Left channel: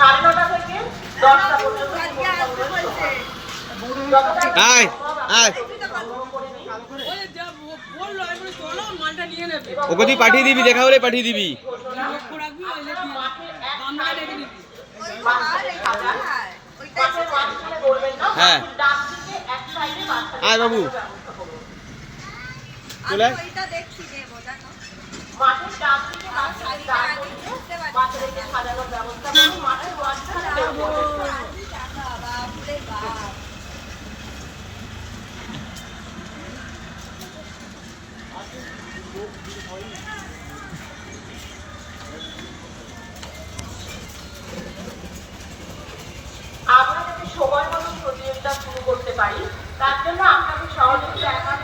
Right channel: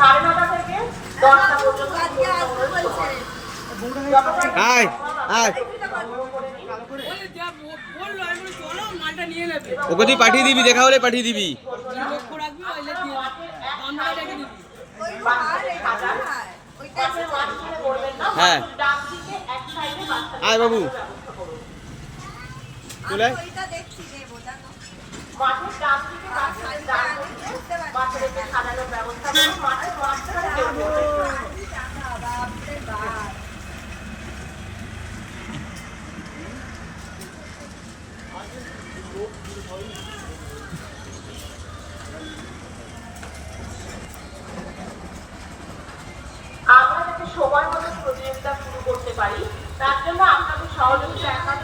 9:30 থেকে 10টা পর্যন্ত আয় আয় ওকে তুই পাঠিয়ে দিবি, দেখা হলে পাঠিয়ে দিবি। হ্যাঁ আয় বাবু চলে মাঠের ডান দিকে বাচ্চাদেরকে সাজানোর ব্যবস্থা করুন। মাঠের মাঝখানে আমরা যাতে সময় মতো প্রতিযোগিতা শুরু করতে পারি, তার জন্য আপনাদের সহযোগিতা